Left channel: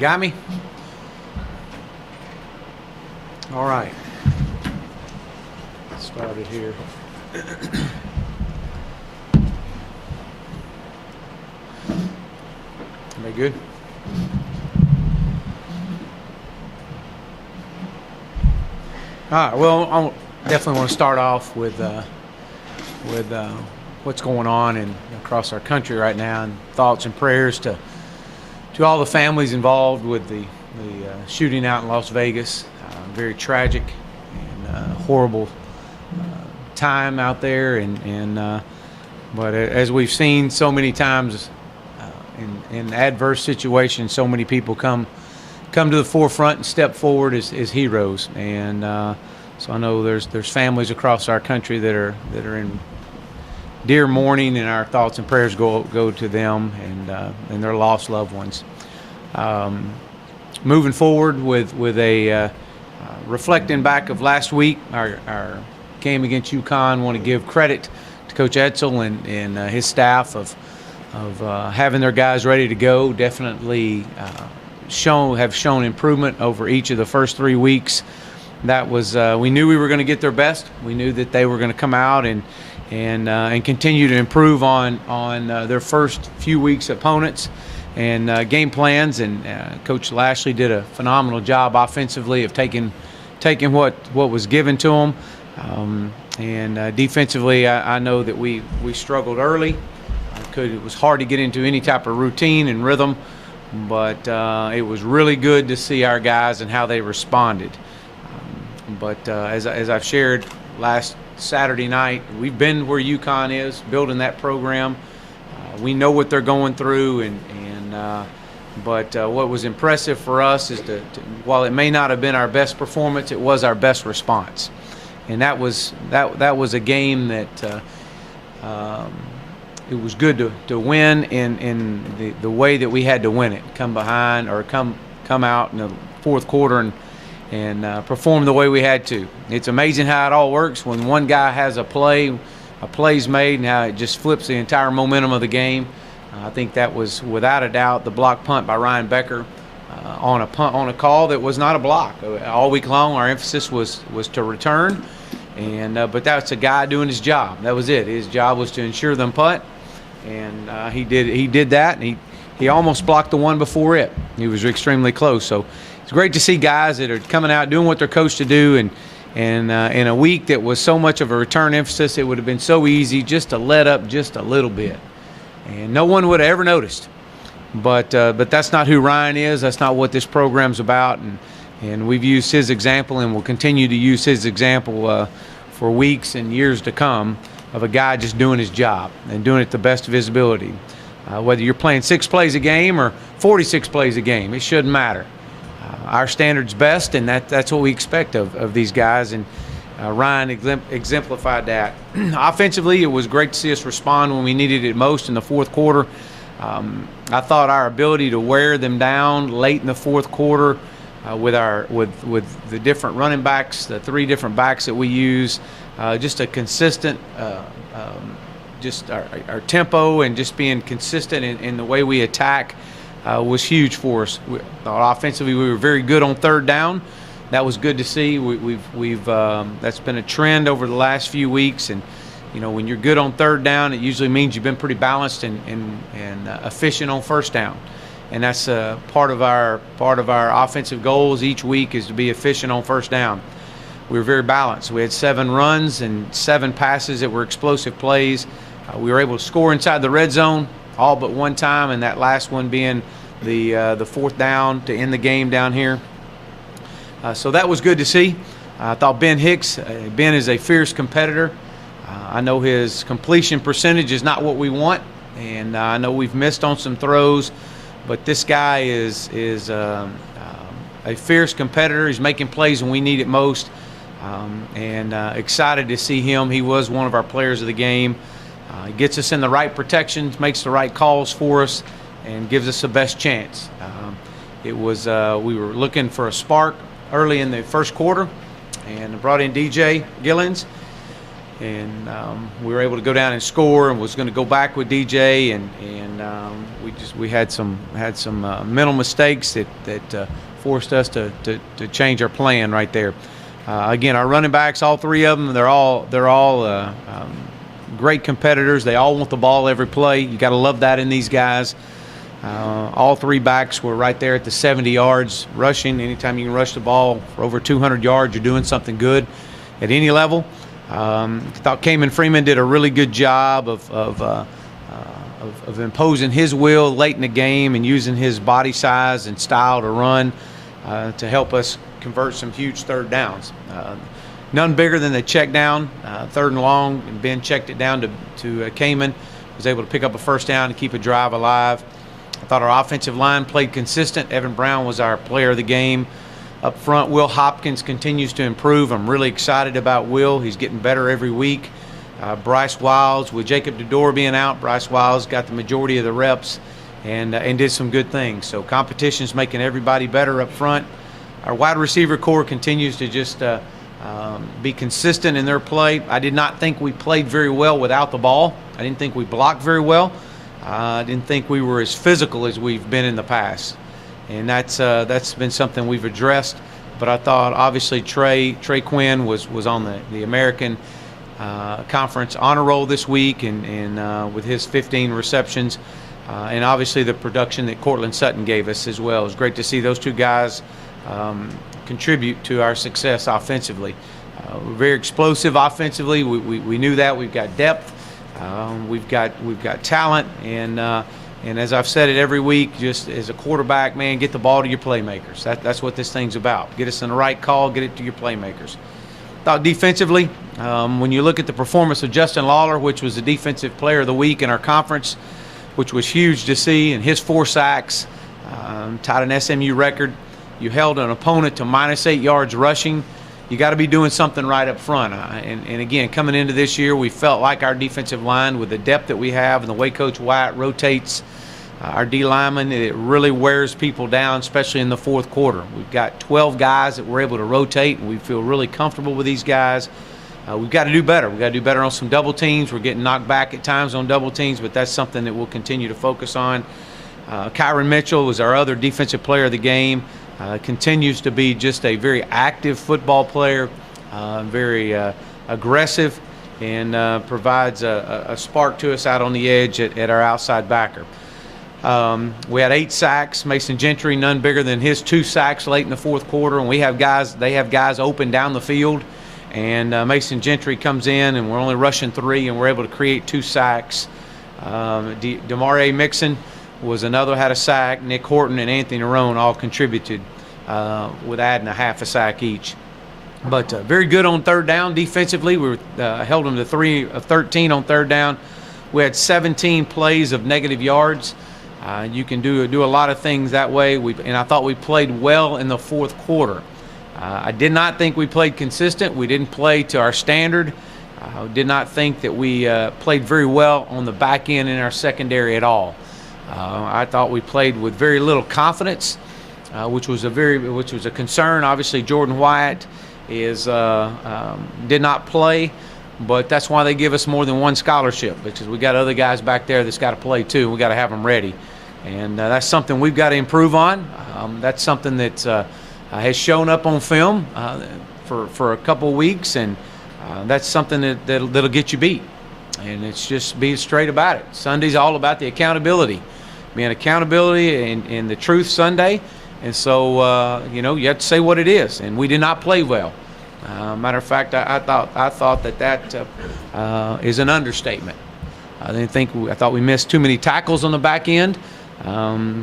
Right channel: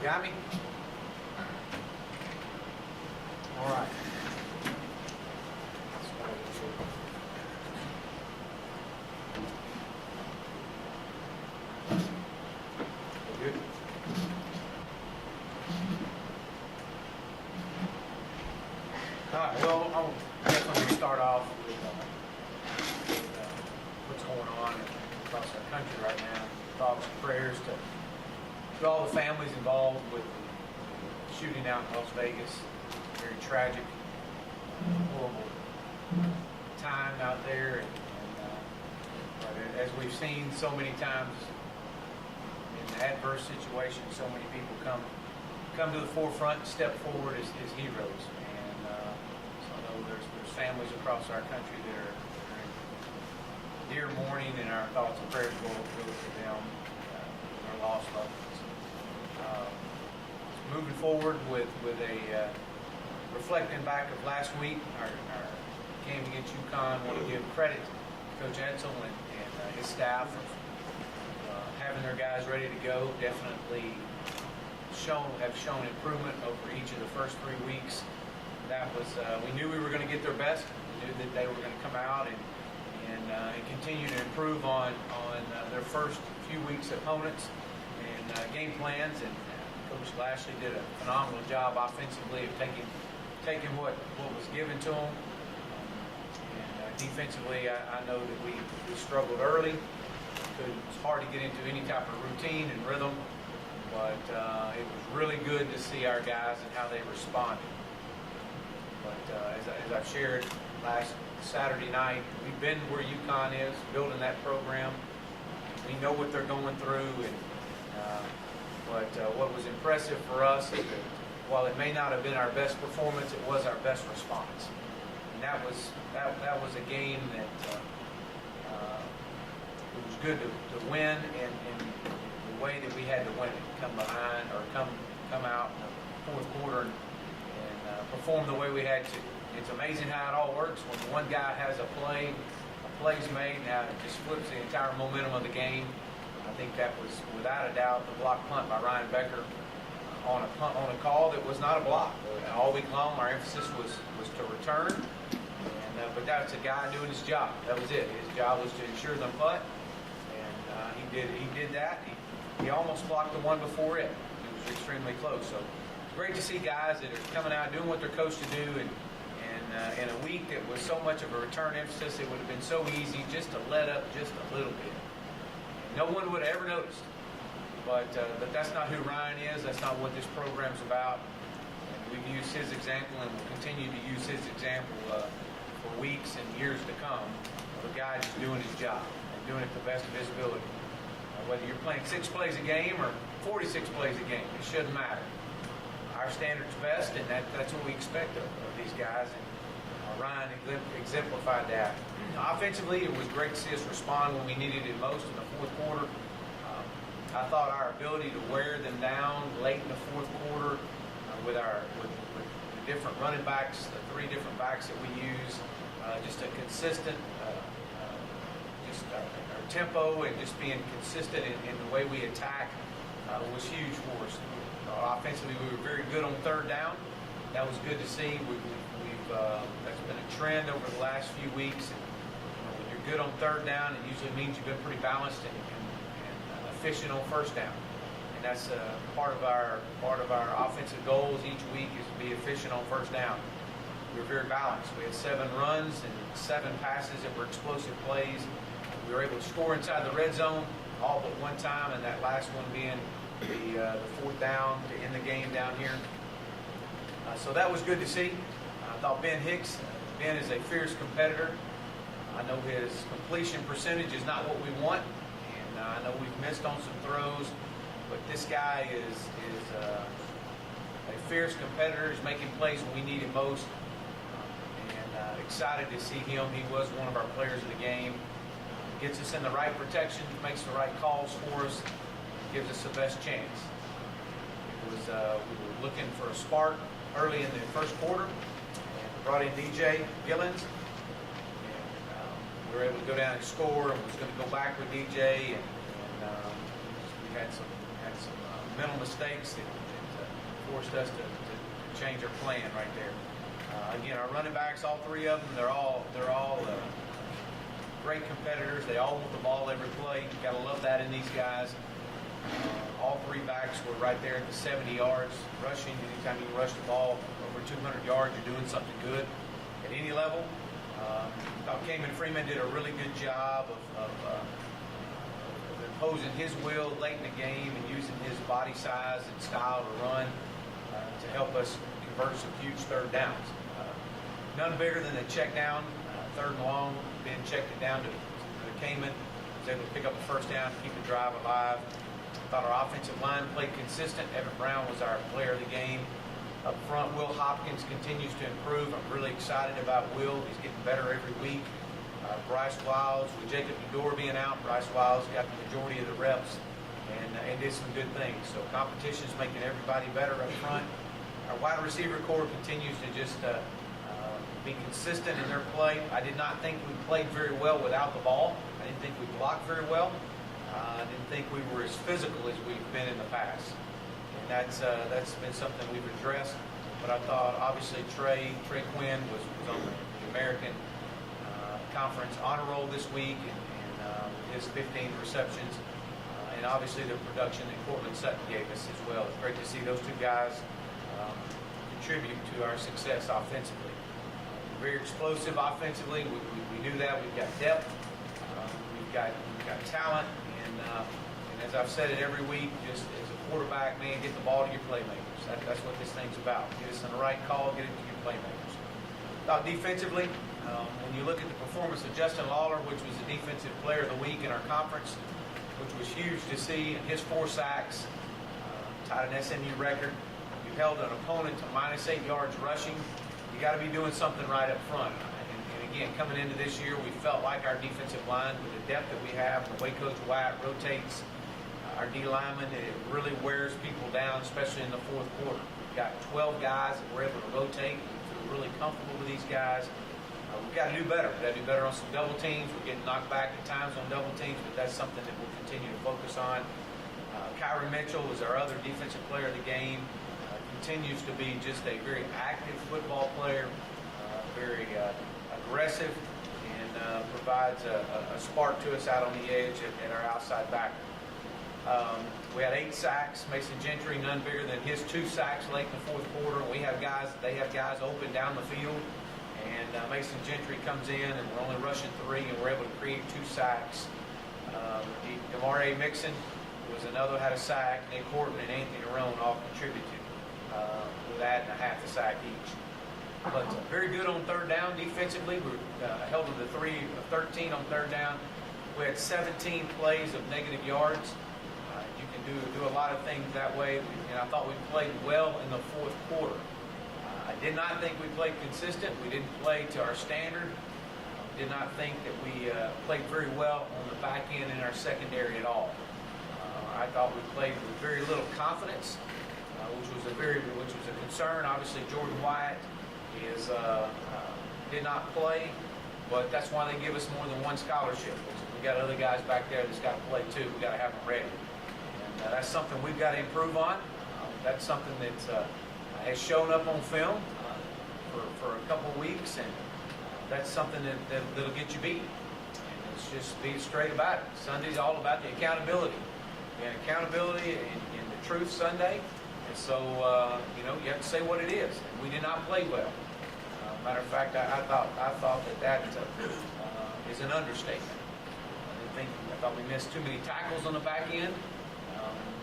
got me? All right. Started here. Are they good? All right. Well, I definitely want to start off with what's going on across our country right now, and thoughts and prayers to all the families involved with the shooting out in Las Vegas. Very tragic and horrible time out there, but as we've seen so many times in adverse situations, so many people come to the forefront and step forward as heroes. And so I know there's families across our country that are in dear mourning, and our thoughts and prayers go to them and their lost loved ones. Moving forward with a reflecting back of last week, our game against UConn, want to give credit to Coach Edsel and his staff of having their guys ready to go. Definitely have shown improvement over each of the first 3 weeks. That was we knew we were going to get their best. We knew that they were going to come out and continue to improve on their first few weeks' opponents and game plans. And Coach Lashley did a phenomenal job offensively of taking what was given to them. And defensively, I know that we struggled early. It was hard to get into any type of routine and rhythm, but it was really good to see our guys and how they responded. But as I've shared last Saturday night, we've been where UConn is, building that program. We know what they're going through, but what was impressive for us is that while it may not have been our best performance, it was our best response. And that was a game that it was good to win in the way that we had to win it. Come behind or come out in the fourth quarter and perform the way we had to. It's amazing how it all works when one guy has a play's made, and how it just flips the entire momentum of the game. I think that was without a doubt the block punt by Ryan Becker on a call that was not a block. All week long, our emphasis was to return, but that's a guy doing his job. That was it. His job was to ensure them punt, and he did that. And he almost blocked the one before it. He was extremely close. So it's great to see guys that are coming out doing what they're coached to do, and in a week that was so much of a return emphasis, it would have been so easy just to let up just a little bit, and no one would have ever noticed. But that's not who Ryan is. That's not what this program's about. And we've used his example, and we'll continue to use his example for weeks and years to come, of a guy just doing his job and doing it to the best of his ability. Whether you're playing 6 plays a game or 46 plays a game, it shouldn't matter. Our standard's best, and that's what we expect of these guys. And Ryan exemplified that. Offensively, it was great to see us respond when we needed it most in the fourth quarter. I thought our ability to wear them down late in the fourth quarter with the different running backs, the 3 different backs that we use, just a consistent, just our tempo and just being consistent in the way we attack was huge for us. Offensively, we were very good on third down. That was good to see. We've that's been a trend over the last few weeks, and when you're good on third down, it usually means you've been pretty balanced and efficient on first down. And that's part of our offensive goals each week, is to be efficient on first down. We were very balanced. We had 7 runs and 7 passes that were explosive plays. We were able to score inside the red zone all but one time, and that last one being the fourth down to end the game down here. So that was good to see. I thought Ben is a fierce competitor. I know his completion percentage is not what we want, and I know we've missed on some throws, but this guy is a fierce competitor. He's making plays when we need it most, and excited to see him. He was one of our players of the game. He gets us in the right protections, makes the right calls for us, and gives us the best chance. We were looking for a spark early in the first quarter, and brought in DJ Gillens, and we were able to go down and score, and was going to go back with DJ, and we had some mental mistakes that forced us to change our plan right there. Again, our running backs, all three of them, they're all great competitors. They all want the ball every play. You got to love that in these guys. All three backs were right there at the 70 yards rushing. Anytime you can rush the ball for over 200 yards, you're doing something good at any level. I thought Kamen Freeman did a really good job of imposing his will late in the game and using his body size and style to run to help us convert some huge third downs. None bigger than the check down, third and long. Ben checked it down to Kamen, was able to pick up a first down and keep a drive alive. I thought our offensive line played consistent. Evan Brown was our player of the game. Up front, Will Hopkins continues to improve. I'm really excited about Will. He's getting better every week. Bryce Wiles, with Jacob DeDore being out, Bryce Wiles got the majority of the reps and did some good things. So competition's making everybody better up front. Our wide receiver core continues to just be consistent in their play. I did not think we played very well without the ball. I didn't think we blocked very well. I didn't think we were as physical as we've been in the past. And that's been something we've addressed. But I thought obviously Trey Quinn was on the American Conference honor roll this week and with his 15 receptions. And obviously the production that Cortland Sutton gave us as well. It was great to see those two guys contribute to our success offensively. We're very explosive offensively. We knew that. We've got depth. We've got talent. And as I've said it every week, just as a quarterback, man, get the ball to your playmakers. That's what this thing's about. Get us in the right call. Get it to your playmakers. Thought defensively, when you look at the performance of Justin Lawler, which was the defensive player of the week in our conference, which was huge to see, and his 4 sacks tied an SMU record. You held an opponent to -8 yards rushing. You got to be doing something right up front. And again, coming into this year, we felt like our defensive line, with the depth that we have and the way Coach Wyatt rotates our D linemen, it really wears people down, especially in the fourth quarter. We've got 12 guys that we're able to rotate, and we feel really comfortable with these guys. We've got to do better. We've got to do better on some double teams. We're getting knocked back at times on double teams, but that's something that we'll continue to focus on. Kyron Mitchell was our other defensive player of the game. Continues to be just a very active football player, very aggressive, and provides a spark to us out on the edge at our outside backer. We had 8 sacks. Mason Gentry, none bigger than his 2 sacks late in the fourth quarter, and they have guys open down the field, and Mason Gentry comes in, and we're only rushing 3, and we're able to create 2 sacks. Demarie Mixon was another, had a sack. Nick Horton and Anthony Nerone all contributed with adding a half a sack each. But very good on third down defensively. We held them to 3 of 13 on third down. We had 17 plays of negative yards. You can do a lot of things that way. And I thought we played well in the fourth quarter. I did not think we played consistent. We didn't play to our standard. I did not think that we played very well on the back end in our secondary at all. I thought we played with very little confidence, which was a concern. Obviously, Jordan Wyatt did not play, but that's why they give us more than one scholarship, because we got other guys back there that's got to play too. We got to have them ready, and that's something we've got to improve on. That's something that has shown up on film for a couple of weeks, and that's something that'll get you beat. And it's just being straight about it. Sunday's all about the accountability. Being accountability and the truth Sunday. And so, you have to say what it is. And we did not play well. Matter of fact, I thought that is an understatement. I thought we missed too many tackles on the back end.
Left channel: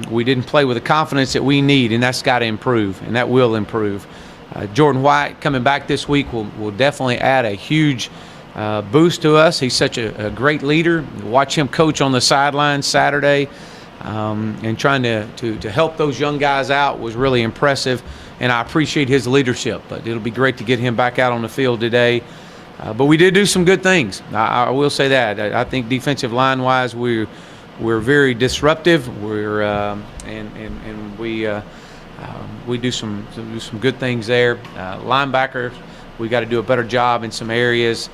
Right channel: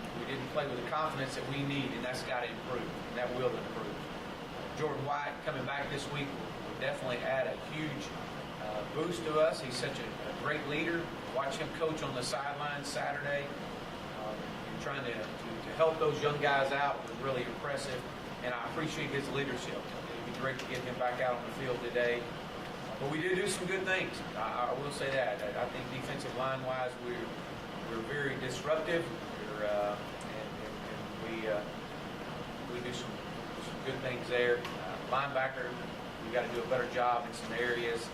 We didn't play with the confidence that we need, and that's got to improve, and that will improve. Jordan White coming back this week will definitely add a huge boost to us. He's such a great leader. Watch him coach on the sideline Saturday, and trying to help those young guys out was really impressive, and I appreciate his leadership. But it'll be great to get him back out on the field today. But we did do some good things. I will say that. I think defensive line-wise, we're very disruptive. We do some good things there. Linebackers, we got to do a better job in some areas.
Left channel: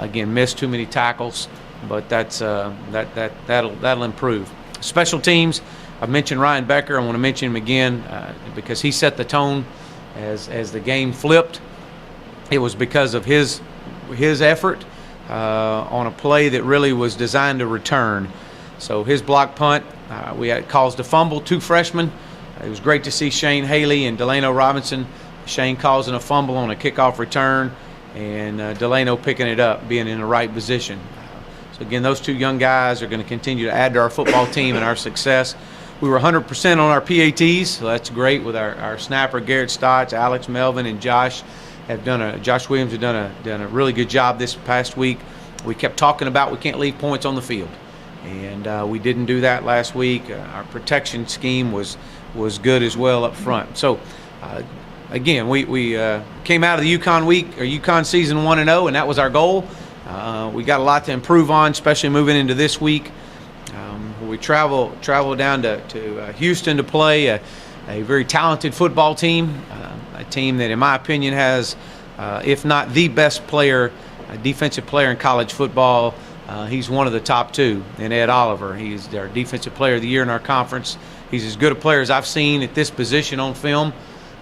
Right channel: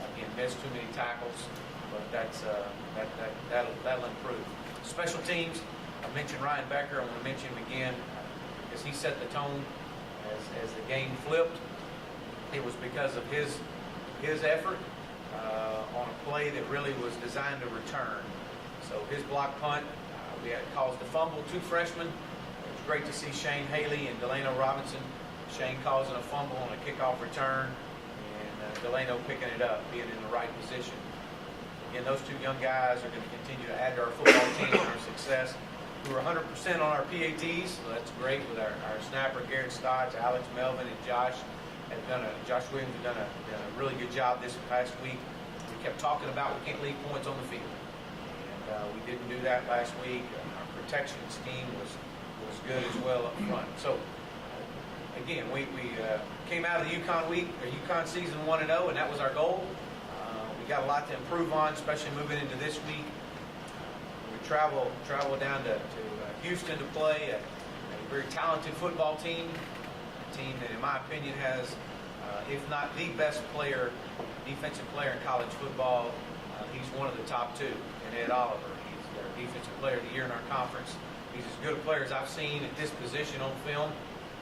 Again, missed too many tackles, but that'll improve. Special teams, I mentioned Ryan Becker. I want to mention him again because he set the tone as the game flipped. It was because of his effort on a play that really was designed to return. So his block punt, we had caused a fumble, 2 freshmen. It was great to see Shane Haley and Delano Robinson. Shane causing a fumble on a kickoff return, and Delano picking it up, being in the right position. So again, those 2 young guys are going to continue to add to our football team and our success. We were 100% on our PATs, so that's great with our snapper Garrett Stotts, Alex Melvin, and Josh Williams have done a really good job this past week. We kept talking about we can't leave points on the field, and we didn't do that last week. Our protection scheme was good as well up front. So again, we came out of the UConn season 1-0, and that was our goal. We got a lot to improve on, especially moving into this week. We travel down to Houston to play a very talented football team, a team that, in my opinion, has, if not the best defensive player in college football. He's one of the top 2 in Ed Oliver. He's our defensive player of the year in our conference. He's as good a player as I've seen at this position on film,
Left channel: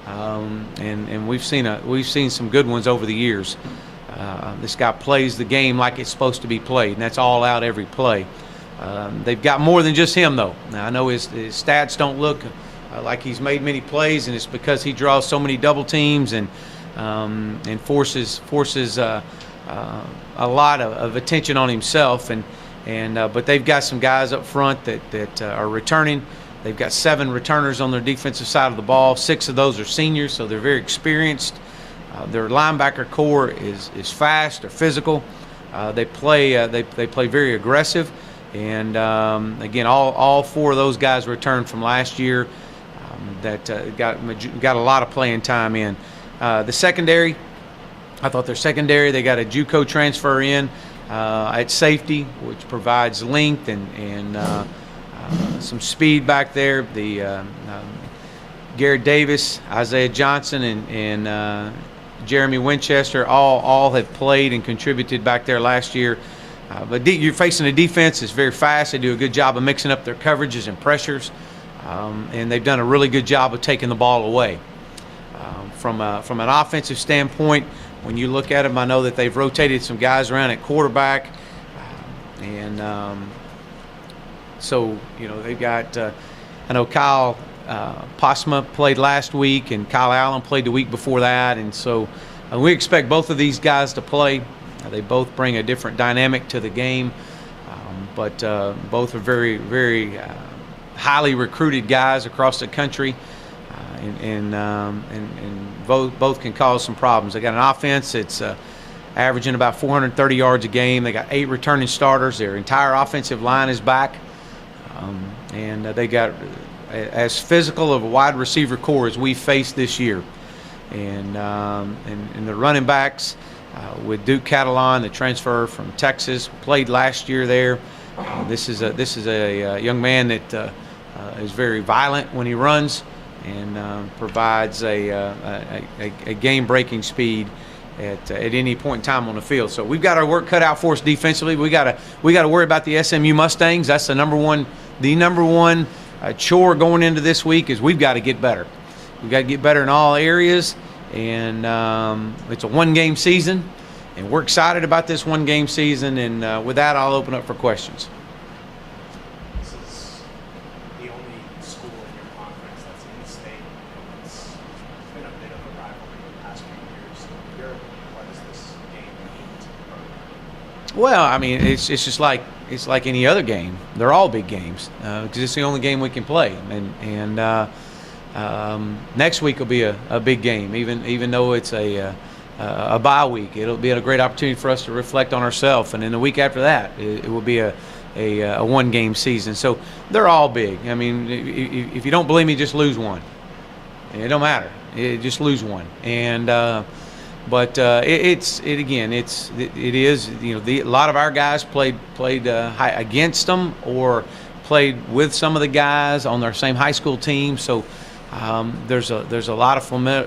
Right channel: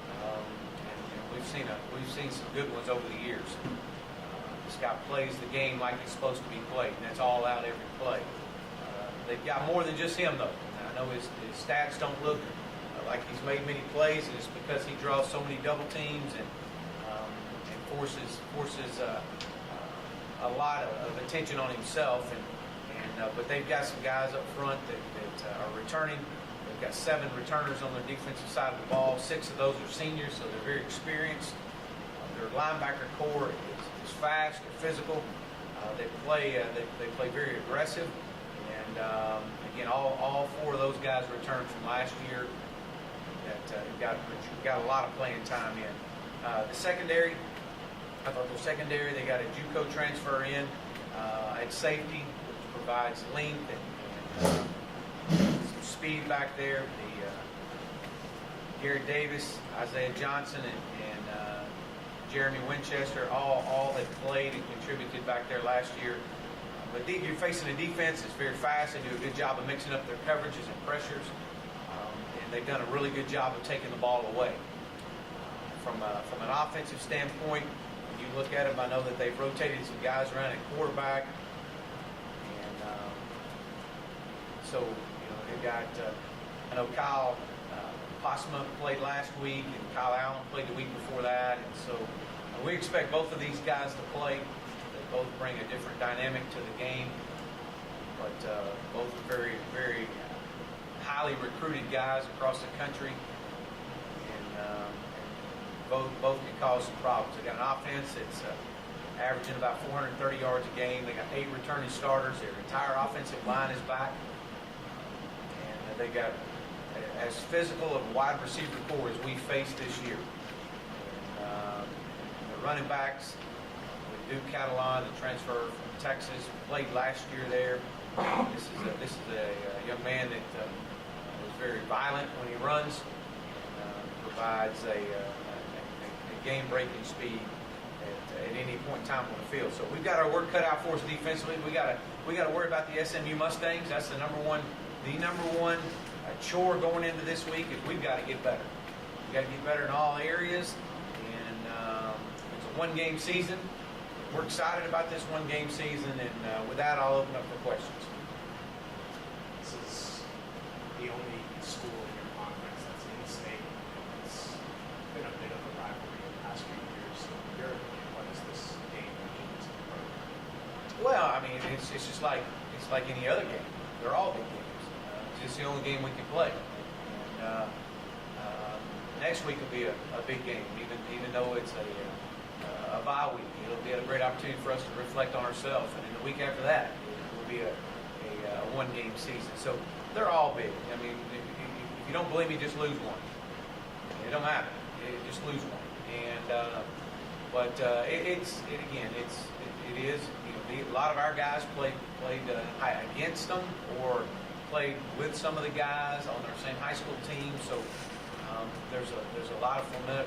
and we've seen some good ones over the years. This guy plays the game like it's supposed to be played, and that's all out every play. They've got more than just him, though. Now, I know his stats don't look like he's made many plays, and it's because he draws so many double teams and forces a lot of attention on himself. But they've got some guys up front that are returning. They've got 7 returners on their defensive side of the ball. 6 of those are seniors, so they're very experienced. Their linebacker core is fast, they're physical. They play very aggressive, and again, all 4 of those guys returned from last year that got a lot of playing time in. The secondary, I thought their secondary, they got a JUCO transfer in at safety, which provides length and some speed back there. The Garrett Davis, Isaiah Johnson, and Jeremy Winchester all have played and contributed back there last year. But you're facing a defense that's very fast. They do a good job of mixing up their coverages and pressures, and they've done a really good job of taking the ball away. From an offensive standpoint, when you look at them, I know that they've rotated some guys around at quarterback, and so they've got. I know Kyle Posma played last week, and Kyle Allen played the week before that, and so we expect both of these guys to play. They both bring a different dynamic to the game, but both are very, very highly recruited guys across the country, and both can cause some problems. They got an offense that's averaging about 430 yards a game. They got 8 returning starters. Their entire offensive line is back, and they got as physical of a wide receiver core as we faced this year, and the running backs with Duke Catalan, the transfer from Texas, played last year there. This is a young man that is very violent when he runs, and provides a game-breaking speed at any point in time on the field. So we've got our work cut out for us defensively. We got to worry about the SMU Mustangs. That's the number one chore going into this week is we've got to get better. We've got to get better in all areas, and it's a 1-game season, and we're excited about this 1-game season. And with that, I'll open up for questions. This is the only school in your conference that's in the state. It's been a bit of a rivalry the past few years. So in your opinion, what does this game mean to the program? Well, I mean, it's just like any other game. They're all big games because it's the only game we can play. And next week will be a big game, even though it's a bye week. It'll be a great opportunity for us to reflect on ourselves. And then the week after that, it will be a 1-game season. So they're all big. I mean, if you don't believe me, just lose one. It don't matter. Just lose one. And But it is a lot of our guys played against them or played with some of the guys on their same high school team. So there's a lot of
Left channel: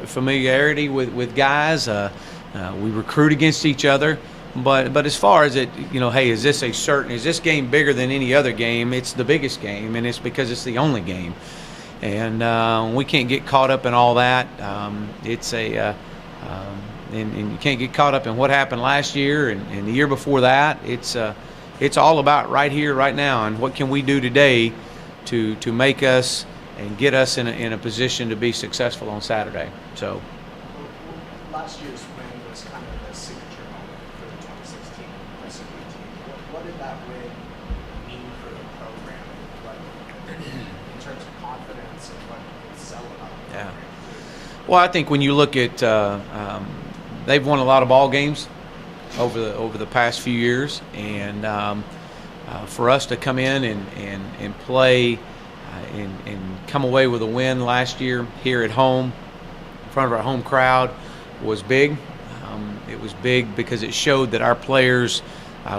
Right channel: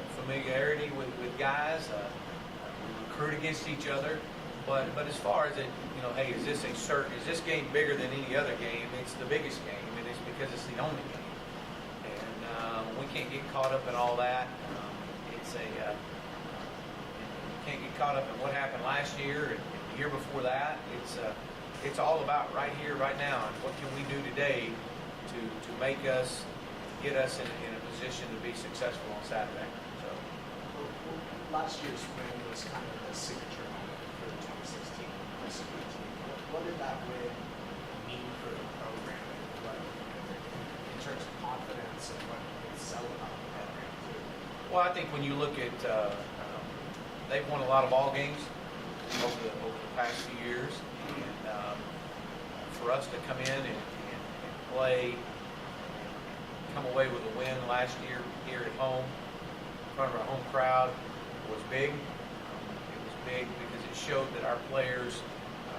familiarity with guys. We recruit against each other. But as far as it, hey, is this game bigger than any other game? It's the biggest game, and it's because it's the only game, and we can't get caught up in all that. And you can't get caught up in what happened last year and the year before that. It's all about right here, right now, and what can we do today to make us and get us in a position to be successful on Saturday. So. Last year's win was kind of the signature moment for the 2016 SMU team. What did that win mean for the program, in terms of confidence and what it's selling about the program? Well, I think when you look at they've won a lot of ball games over the past few years, and for us to come in and play and come away with a win last year here at home in front of our home crowd was big. It was big because it showed that our players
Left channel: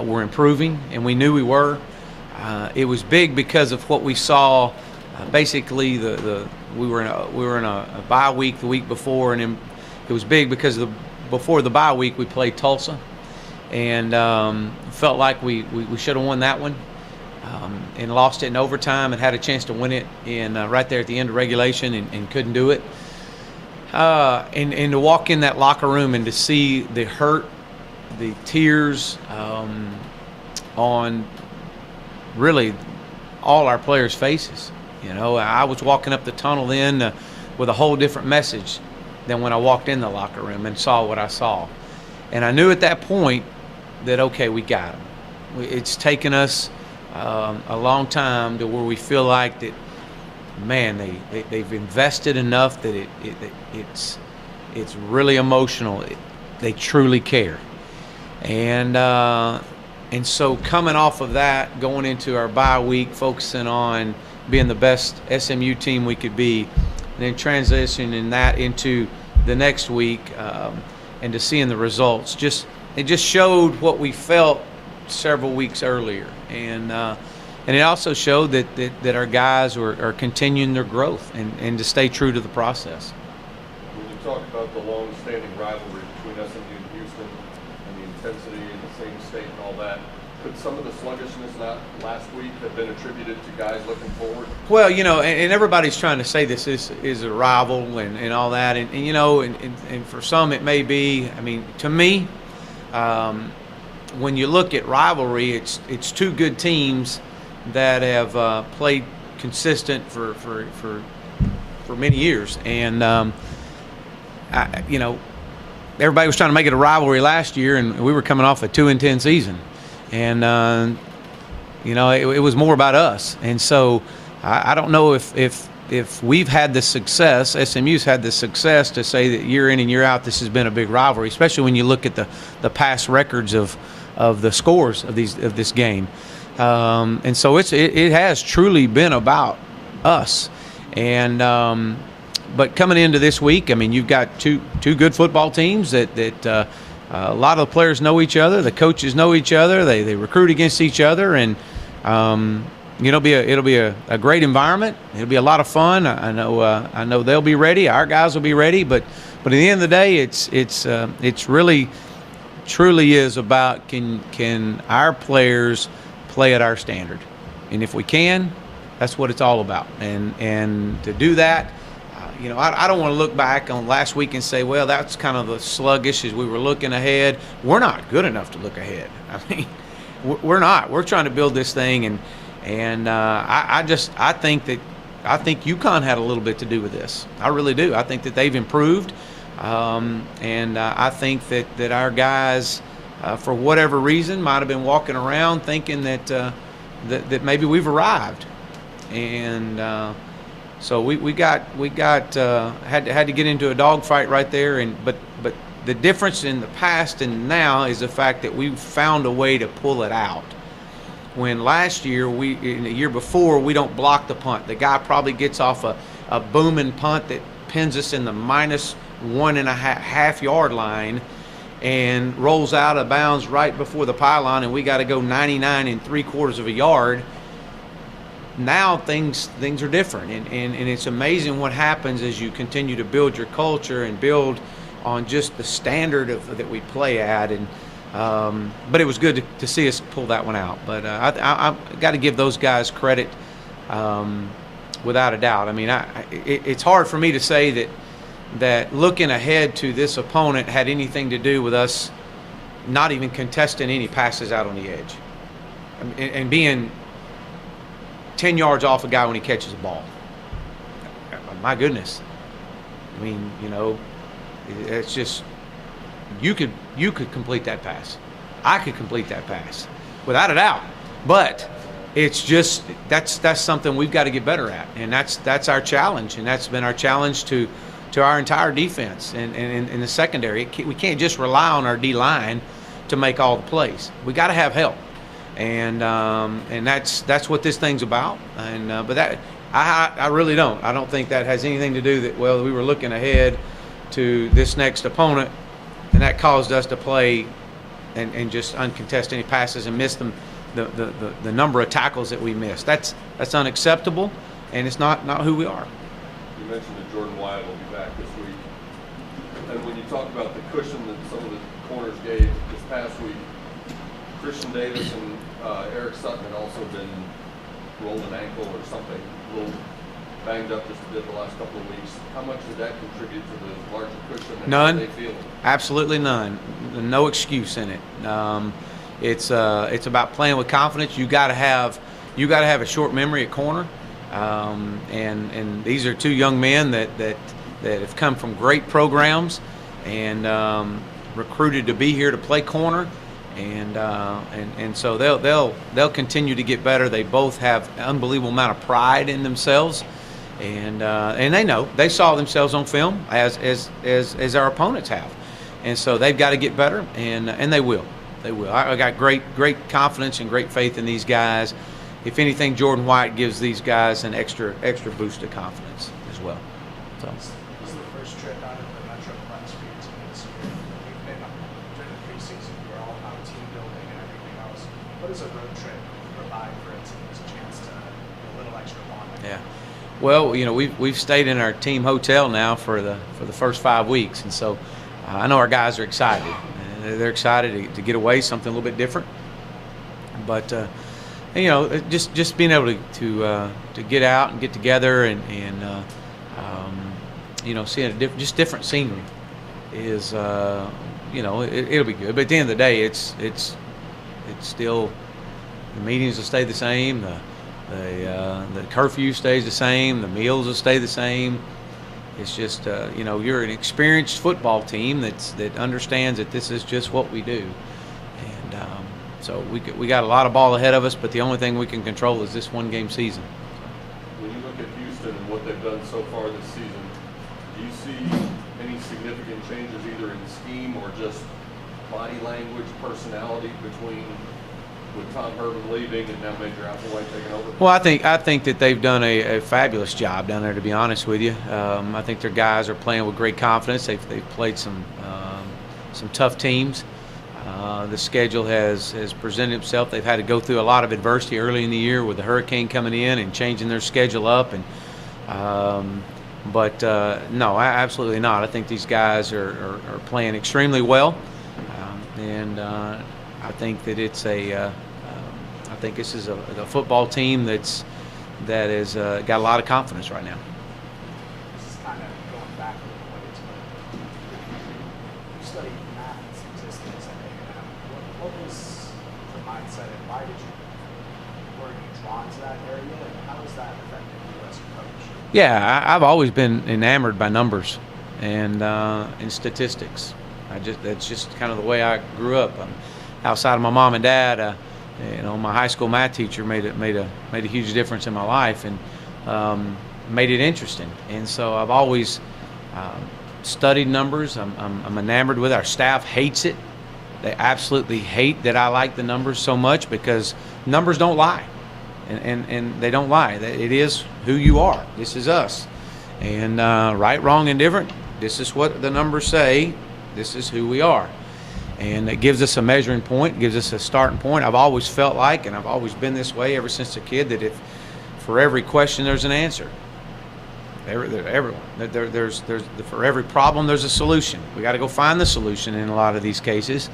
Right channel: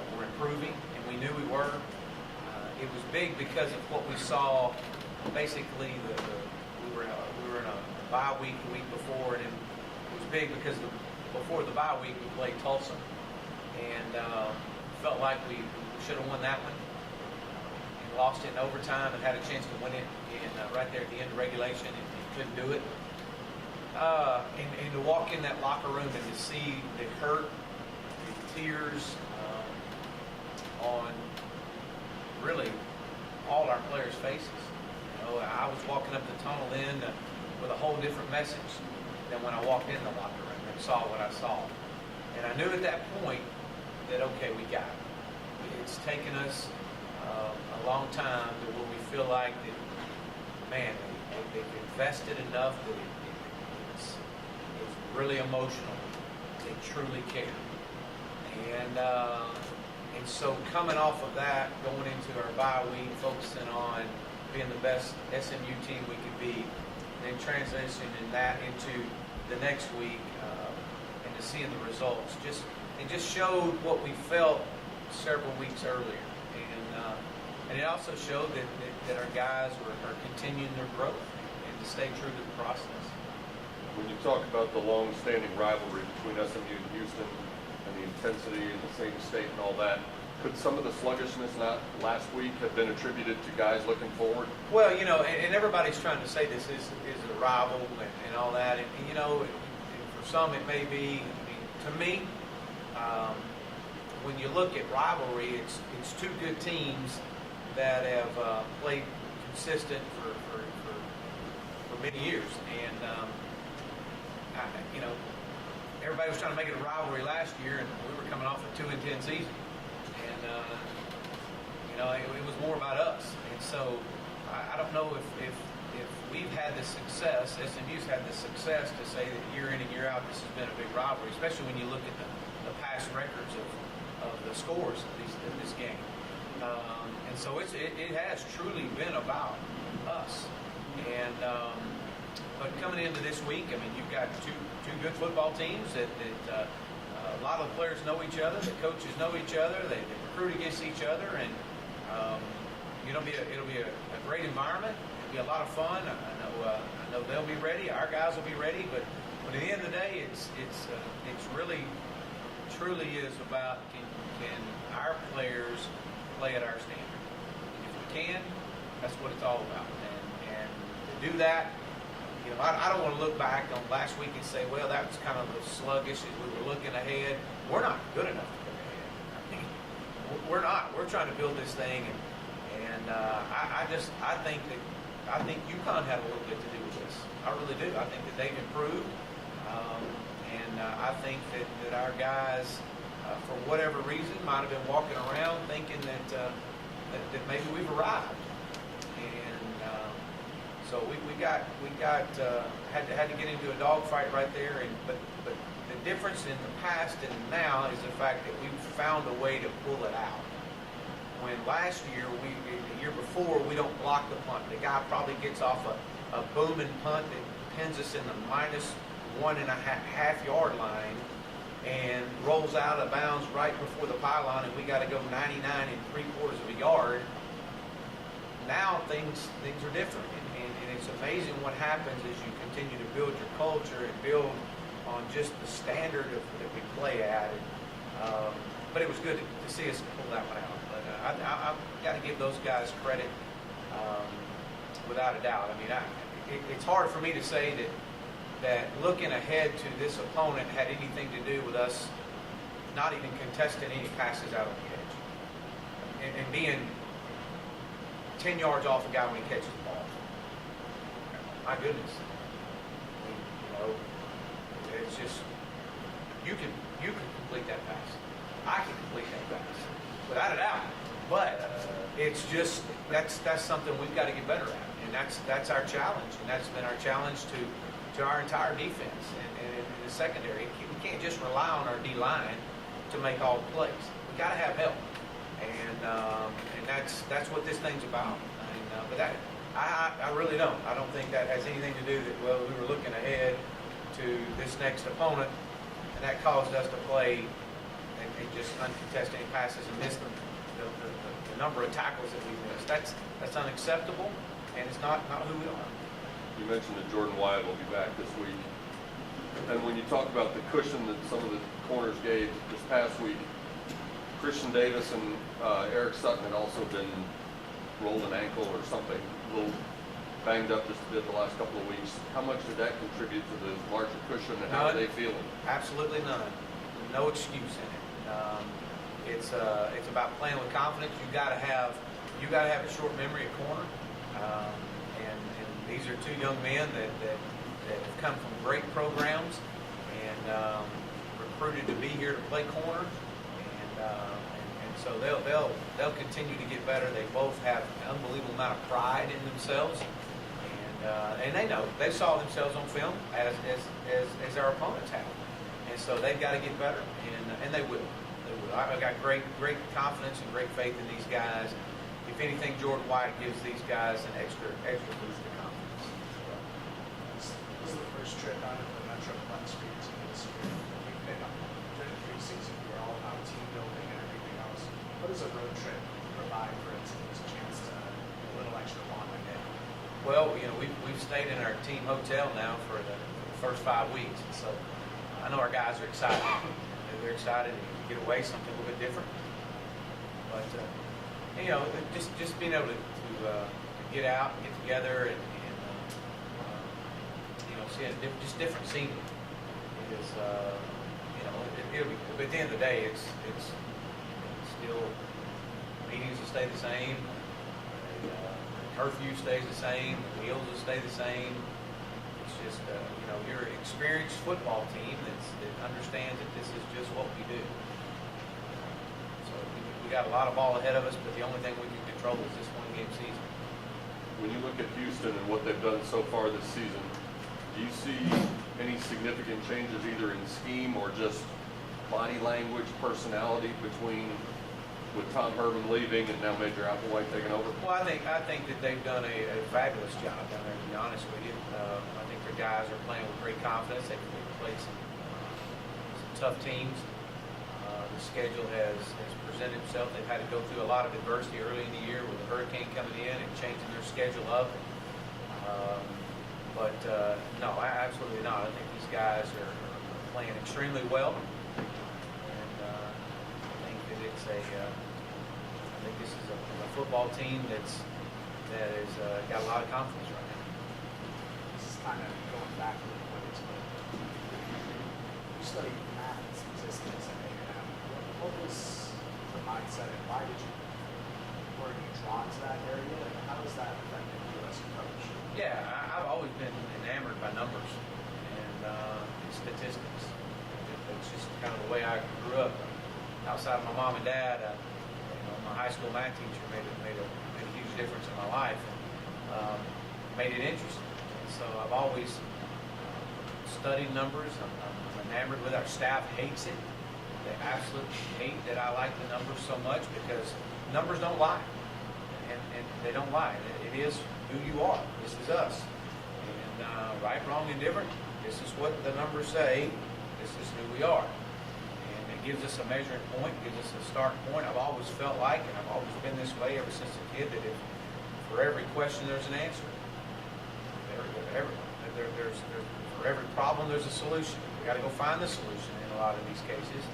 were improving, and we knew we were. It was big because of what we saw. Basically, we were in a bye week the week before, and it was big because before the bye week we played Tulsa, and felt like we should have won that one, and lost it in overtime and had a chance to win it in right there at the end of regulation and couldn't do it. And to walk in that locker room and to see the hurt, the tears on really all our players' faces. I was walking up the tunnel then with a whole different message than when I walked in the locker room and saw what I saw. And I knew at that point that, okay, we got it. It's taken us a long time to where we feel like that, man, they've invested enough that it's really emotional. They truly care, and so coming off of that, going into our bye week, focusing on being the best SMU team we could be, and then transitioning that into the next week, and to seeing the results, it just showed what we felt several weeks earlier, and it also showed that our guys are continuing their growth and to stay true to the process. When you talk about the long-standing rivalry between SMU and Houston and the intensity and the same state and all that, could some of the sluggishness last week have been attributed to guys looking forward? Well, and everybody's trying to say this is a rival and all that, and for some it may be. I mean, to me, when you look at rivalry, it's two good teams that have played consistent for many years, and everybody was trying to make it a rivalry last year, and we were coming off a 2-10 season, and it was more about us. And so I don't know if we've had the success, SMU's had the success to say that year in and year out this has been a big rivalry, especially when you look at the past records of the scores of this game. And so it has truly been about us. And but coming into this week, I mean, you've got two good football teams that a lot of the players know each other, the coaches know each other, they recruit against each other, and it'll be a great environment. It'll be a lot of fun. I know they'll be ready. Our guys will be ready. But at the end of the day, it's really truly is about can our players play at our standard, and if we can, that's what it's all about. And to do that, I don't want to look back on last week and say, well, that's kind of the sluggish as we were looking ahead. We're not good enough to look ahead. I mean, we're not. We're trying to build this thing, and I think UConn had a little bit to do with this. I really do. I think that they've improved, and I think that our guys, for whatever reason, might have been walking around thinking that maybe we've arrived, and so we had to get into a dogfight right there. But the difference in the past and now is the fact that we've found a way to pull it out. When last year, in the year before, we don't block the punt. The guy probably gets off a booming punt that pins us in the -1.5 yard line and rolls out of bounds right before the pylon, and we got to go 99 3/4 of a yard. Now things are different, and it's amazing what happens as you continue to build your culture and build on just the standard that we play at. And But it was good to see us pull that one out. But I got to give those guys credit, without a doubt. I mean, it's hard for me to say that looking ahead to this opponent had anything to do with us not even contesting any passes out on the edge and being 10 yards off a guy when he catches the ball. My goodness. I mean, it's just you could complete that pass. I could complete that pass without a doubt. But it's just that's something we've got to get better at, and that's our challenge, and that's been our challenge to our entire defense and in the secondary. We can't just rely on our D line to make all the plays. We got to have help, and that's what this thing's about. And but that I really don't. I don't think that has anything to do that. Well, we were looking ahead to this next opponent, and that caused us to play and just uncontest any passes and miss them. The number of tackles that we missed. That's unacceptable, and it's not who we are. You mentioned that Jordan Wyatt will be back this week. And when you talk about the cushion that some of the corners gave this past week, Christian Davis and Eric Sutton had also been rolled an ankle or something, a little banged up just a bit the last couple of weeks. How much did that contribute to the larger cushion, and none. how are they feeling? Absolutely none. No excuse in it. It's about playing with confidence. You got to have a short memory at corner, and these are two young men that have come from great programs and recruited to be here to play corner, and so they'll continue to get better. They both have an unbelievable amount of pride in themselves, and they saw themselves on film as our opponents have, and so they've got to get better, and they will. They will. I got great confidence and great faith in these guys. If anything, Jordan White gives these guys an extra boost of confidence as well. So. This is the first trip out of the Metroplex for your team this year. We've been during the preseason, we're all about team building and everything else. What does a road trip provide for a team as a chance to a little extra bonding? Yeah. Well, we've stayed in our team hotel now for the first 5 weeks, and so I know our guys are excited. They're excited to get away, something a little bit different. But just being able to get out and get together and seeing just different scenery is it'll be good. But at the end of the day, it's still the meetings will stay the same, the curfew stays the same, the meals will stay the same. It's just, you're an experienced football team that understands that this is just what we do. And so we got a lot of ball ahead of us, but the only thing we can control is this one-game season. When you look at Houston and what they've done so far this season, do you see any significant changes either in scheme or just body language, personality with Tom Herman leaving and now Major Applewhite taking over? Well, I think that they've done a fabulous job down there, to be honest with you. I think their guys are playing with great confidence. They've played some tough teams. The schedule has presented itself. They've had to go through a lot of adversity early in the year with the hurricane coming in and changing their schedule up. But no, absolutely not. I think these guys are playing extremely well, and I think that I think this is a football team that has got a lot of confidence right now. This is kind of going back a little ways, but you studied math and statistics at A&M. What was the mindset, and were you drawn to that area, and how has that affected you as a coach? Yeah, I've always been enamored by numbers and statistics. That's just kind of the way I grew up. Outside of my mom and dad, my high school math teacher made a huge difference in my life and made it interesting. And so I've always studied numbers. I'm enamored with it. Our staff hates it. They absolutely hate that I like the numbers so much because numbers don't lie, and they don't lie. It is who you are. This is us. And right, wrong, and different. This is what the numbers say. This is who we are. And it gives us a measuring point, gives us a starting point. I've always felt like, and I've always been this way ever since a kid, that for every question there's an answer. For every problem there's a solution. We got to go find the solution in a lot of these cases,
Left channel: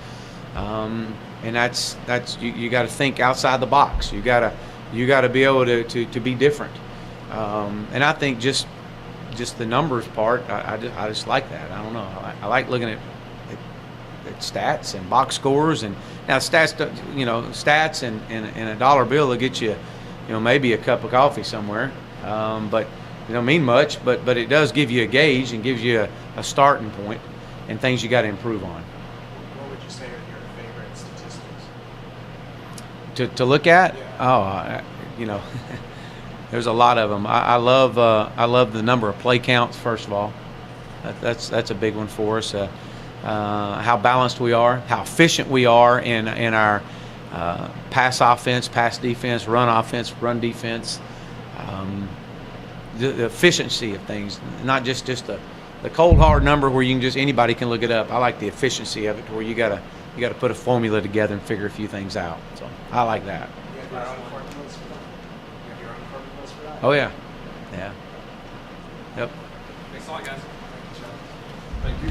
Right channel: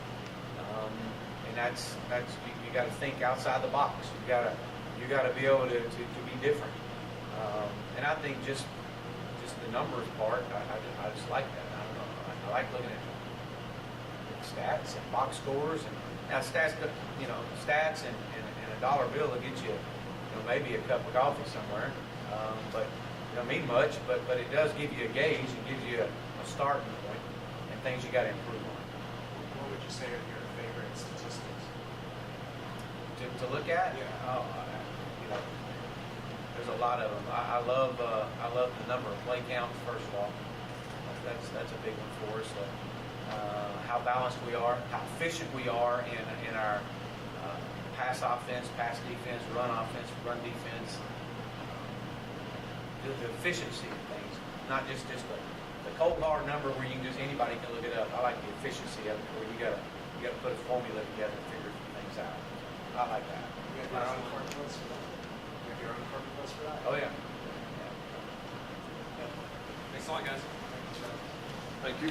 And that's you got to think outside the box. You got to be able to be different. And I think just the numbers part, I just like that. I don't know. I like looking at stats and box scores, and now stats, stats and a dollar bill will get you, maybe a cup of coffee somewhere, but it don't mean much. But it does give you a gauge and gives you a starting point and things you got to improve on. What would you say are your favorite statistics? To look at? Yeah. Oh, there's a lot of them. I love the number of play counts. First of all, that's a big one for us. How balanced we are, how efficient we are in our pass offense, pass defense, run defense. The efficiency of things, not just the cold hard number where anybody can look it up. I like the efficiency of it, where you gotta put a formula together and figure a few things out. So I like that. You have your own formulas for that? You have your own formulas for that? Oh yeah, yeah, yep. Thanks a lot, guys. Thank you, Chuck. Thank you.